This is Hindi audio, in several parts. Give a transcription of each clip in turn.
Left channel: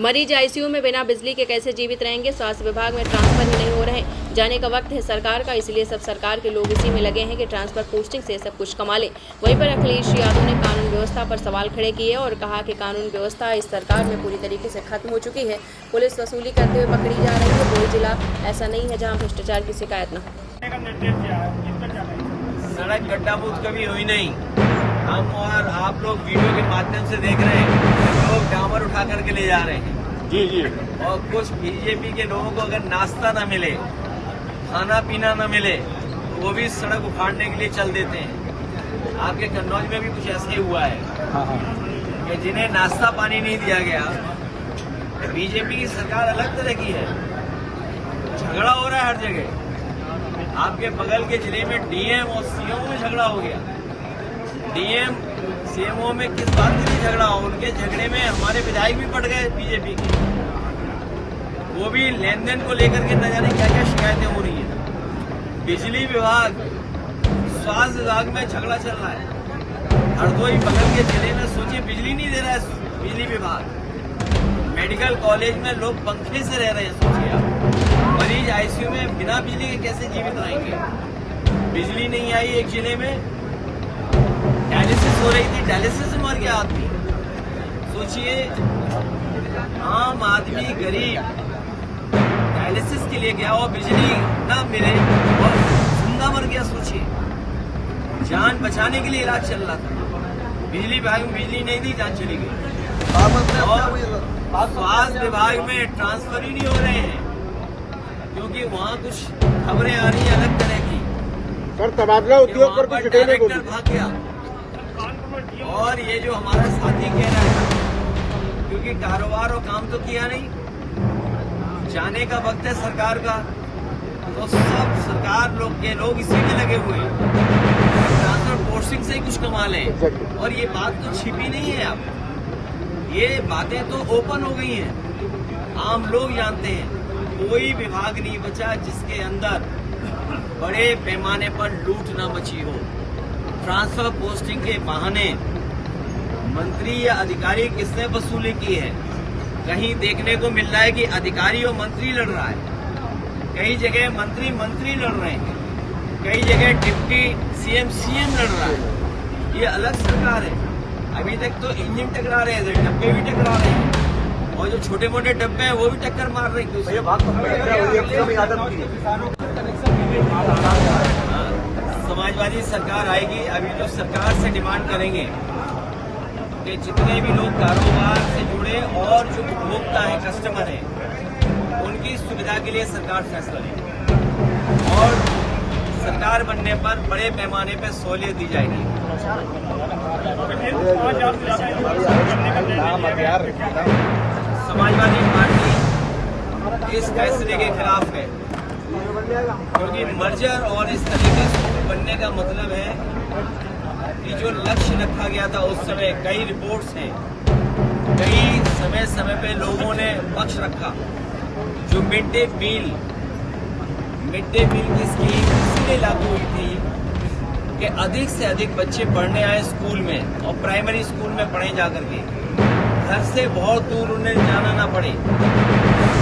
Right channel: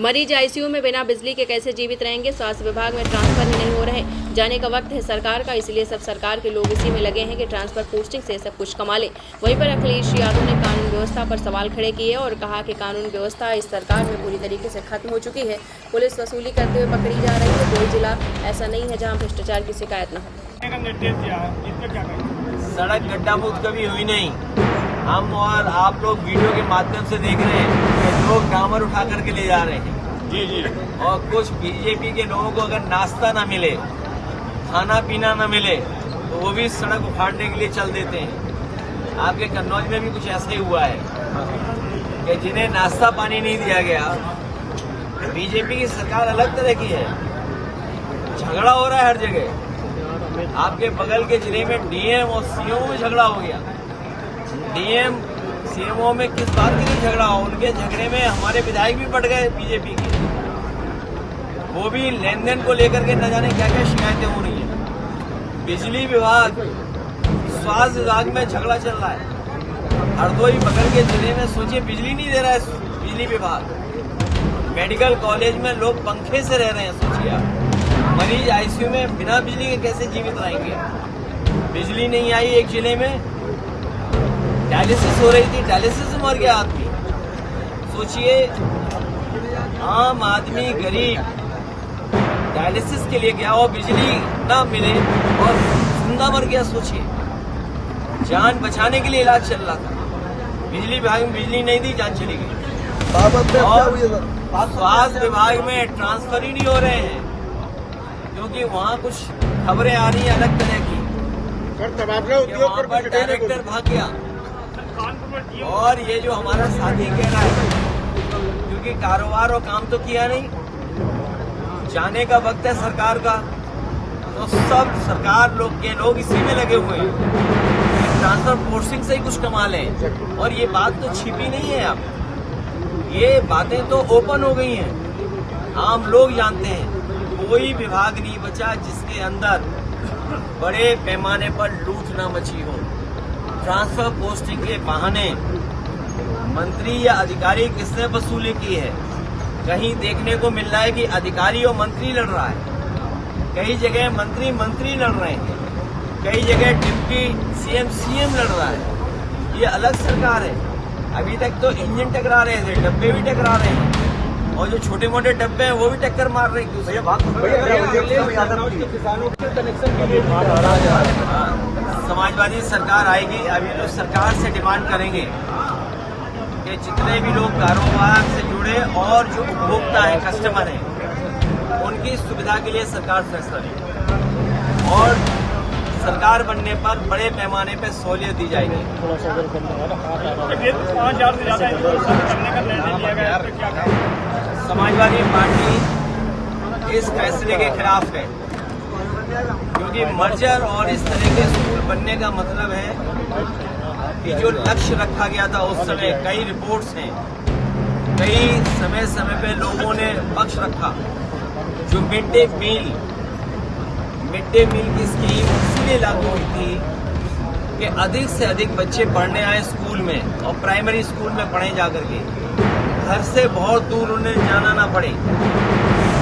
मरीज आईसीयू में बिना बिजली के कैसे जीवित रहेंगे। स्वास्थ्य विभाग में ट्रांसफर ही नहीं हो रहे। जाने का वक्त है सरकार का, इसलिए सब सरकार के लोग इसी में लगे हैं कि ट्रांसफर पोस्टिंग से सब कुछ कमा ले। वहीं पर अखिलेश यादव ने कानून व्यवस्था पर सवाल खड़े किए और कहा कि कानून व्यवस्था इस सरकार में पूरी तरीके से खत्म हो चुकी है। पुलिस वसूली करते हुए पकड़ी जा रही है। कोई जिला ऐसा नहीं है जहाँ भ्रष्टाचार की शिकायत न हो। सड़क गड्ढा मुक्त कभी हुई नहीं। हम और आप लोग वीडियो के माध्यम से देख रहे हैं कि लोग डामर उठा करके ले जा रहे हैं। जी। और कुछ बीजेपी के लोगों को अगर नाश्ता न मिले, खाना पीना न मिले, तो वो भी सड़क उखाड़ने के लिए चल देते हैं। आपके कन्नौज में भी कुछ ऐसे ही हुआ है कि जिन्हें नाश्ता पानी नहीं दिया गया। बीजेपी की सरकार अलग तरह की है। झगड़ा हो रहा है हर जगह। आपके बगल के जिले में डीएम और सीएमओ में झगड़ा हो गया। डीएम सीएमओ में किस बात के लिए झगड़ा हो? उनके झगड़े में हमारे विधायक भी पड़ गए बीजेपी के। वो भी लेन देन को लेकर के न जाने क्या क्या शिकायतें हो रही है। बिजली विभाग, स्वास्थ्य विभाग में झगड़ा चल रहा है। हरदोई बगल के जिले में सोचिए बिजली नहीं दे रहा है बिजली विभाग। मेडिकल कॉलेज में लोग पंखे से रह रहे हैं। सोचिए आप, मरीज आईसीयू में बिना बिजली के कैसे जीवित रहेंगे? बिजली नहीं आई एक जिले में, डायलिसिस हो रही थी, डायलिसिस से मर गया आदमी। सोचिए, आम आदमी गरीब डायलिसिस के लिए गया और बिजली ना मिले और जिंदा मर गया। सोचिए, जान बचाने के लिए इलाज चल रहा था, बिजली विभाग में बिजली नहीं दी, जान चली गई। और स्वास्थ्य विभाग में ट्रांसफर ही नहीं हो रहे हैं क्योंकि वहाँ कुछ खबरें आ रही हैं अलग तरह की। वहाँ पर डायरेक्टर भाग गया और ये जो हमारा साथी कहना है, क्योंकि कारोबार और काम तो किया नहीं। जाने का वक्त है सरकार का, तो सब सरकार लोग के लोग इसी में लगे हुए हैं। ट्रांसफर पोस्टिंग से ही कुछ कमा लें। और ये बात तो छिपी नहीं है। अब ये बातें तो ओपन हो गई हैं, आम लोग जानते हैं। कोई विभाग नहीं बचा जिसके अंदर बड़े पैमाने पर लूट न मची हो। ट्रांसफर पोस्टिंग के बहाने मंत्री या अधिकारी किसने वसूली की है? कहीं देखने को मिल रहा है कि अधिकारी और मंत्री लड़ रहा है। कई जगह मंत्री लड़ रहे हैं, कई जगह डिप्टी सीएम लड़ रहा है। ये अलग सरकार है। अभी तक तो इंजन टकरा रहे थे, डब्बे भी टकरा रहे हैं, और जो छोटे मोटे डब्बे हैं वो भी टक्कर मार रहे हैं। समाजवादी सरकार आएगी। अभी तो सरकार से डिमांड करेंगे कि जितने भी लोग कारोबार से जुड़े और जो उपभोक्ता है, कस्टमर है, उनकी सुविधा के लिए सरकार फैसला ले। और सरकार बनने पर बड़े पैमाने पर सहूलियत दी जाएगी। समाजवादी पार्टी इस फैसले के खिलाफ है क्योंकि मर्जर और इस तरीके से बनने का मतलब है कि जो लक्ष्य रखा गया था उस समय, कई रिपोर्ट्स हैं, कई समय पे लोगों ने पक्ष रखा। जो मिड डे मील की स्कीम इसलिए लागू हुई थी कि अधिक से अधिक बच्चे पढ़ने आए स्कूल में और प्राइमरी स्कूल में पढ़े जाकर के, घर से बहुत दूर उन्हें जाना ना पड़े।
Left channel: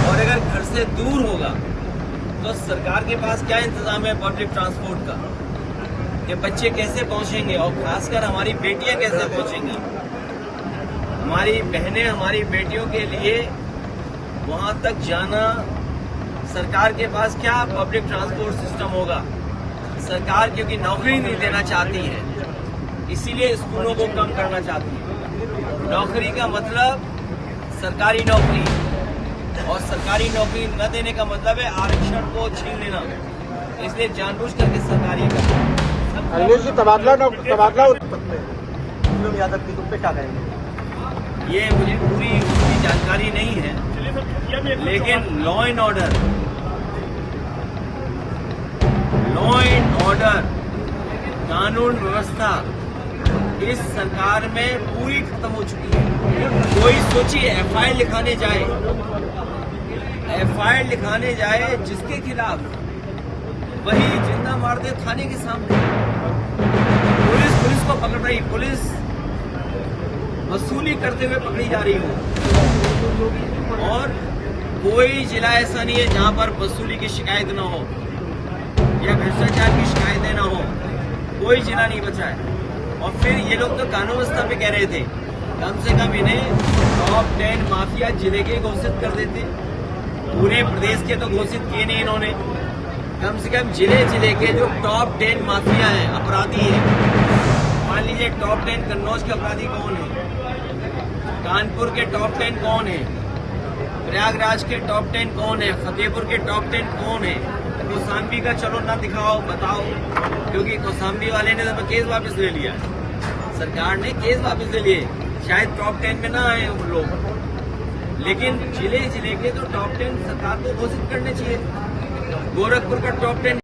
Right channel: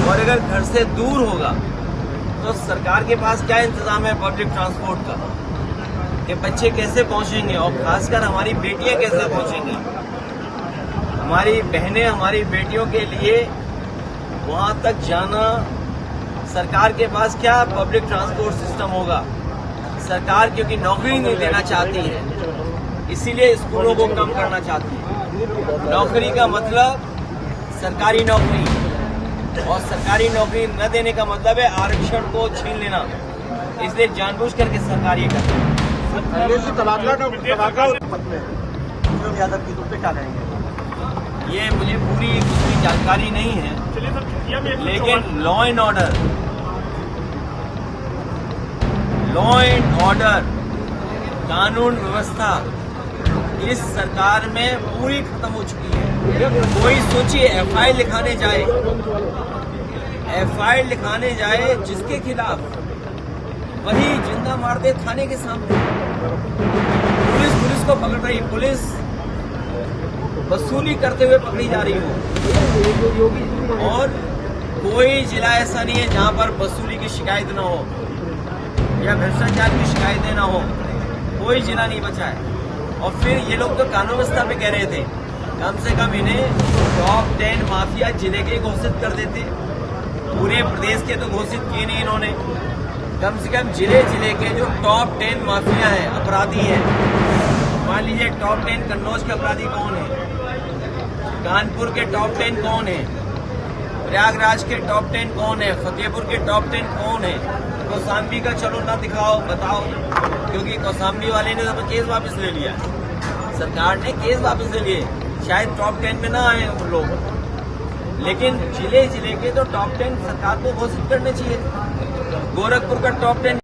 और अगर घर से दूर होगा तो सरकार के पास क्या इंतजाम है पब्लिक ट्रांसपोर्ट का, कि बच्चे कैसे पहुंचेंगे और खासकर हमारी बेटियां कैसे पहुंचेंगी। हमारी बहनें, हमारी बेटियों के लिए वहां तक जाना, सरकार के पास क्या पब्लिक ट्रांसपोर्ट सिस्टम होगा? सरकार क्योंकि नौकरी नहीं देना चाहती है, इसीलिए स्कूलों को कम करना चाहती है। नौकरी का मतलब सरकारी नौकरी, और सरकारी नौकरी न देने का मतलब है आरक्षण को छीन लेना। इसलिए जानबूझ करके सरकार ये करती है। ये मुझे पूरी उसकी जानकारी नहीं है, लेकिन लॉ एंड ऑर्डर, कानून व्यवस्था इस सरकार में पूरी खत्म हो चुकी है। कोई सोचिए एफआईआर लिखाने जाए जिसके खिलाफ, वही जिंदा मार दे थाने के सामने। पुलिस को पकड़ रही, पुलिस वसूली करते हुए पकड़ी जा रही हो। और कोई जिला ऐसा नहीं है जहां पर वसूली की शिकायत न हो या भ्रष्टाचार की शिकायतें न हो। कोई जिला नहीं बचा है। और फिर ये लोग तो कानून व्यवस्था पे कह रहे थे, कम से कम इन्हें टॉप 10 माफिया जिले के घोषित कर देते। पूरे प्रदेश के तो घोषित किए नहीं इन्होंने। कम से कम जिले जिले के जो टॉप 10 माफिया हैं, अपराधी हैं, मान लीजिए टॉप 10 कन्नौज के अपराधी कौन है, कानपुर के टॉप 10 कौन है, प्रयागराज के टॉप 10 कौन है, फतेहपुर के टॉप 10 कौन है। कौशाम्बी का चलो ना दिखाओ, बताओ, क्योंकि कौशाम्बी वाले ने तो केस वापस ले लिया, सरकार ने केस वापस ले लिए, शायद टॉप 10 में ना आए हम लोग। लेकिन जिले जिले के तो टॉप 10 सरकार को घोषित करने चाहिए। गोरखपुर का टॉप 10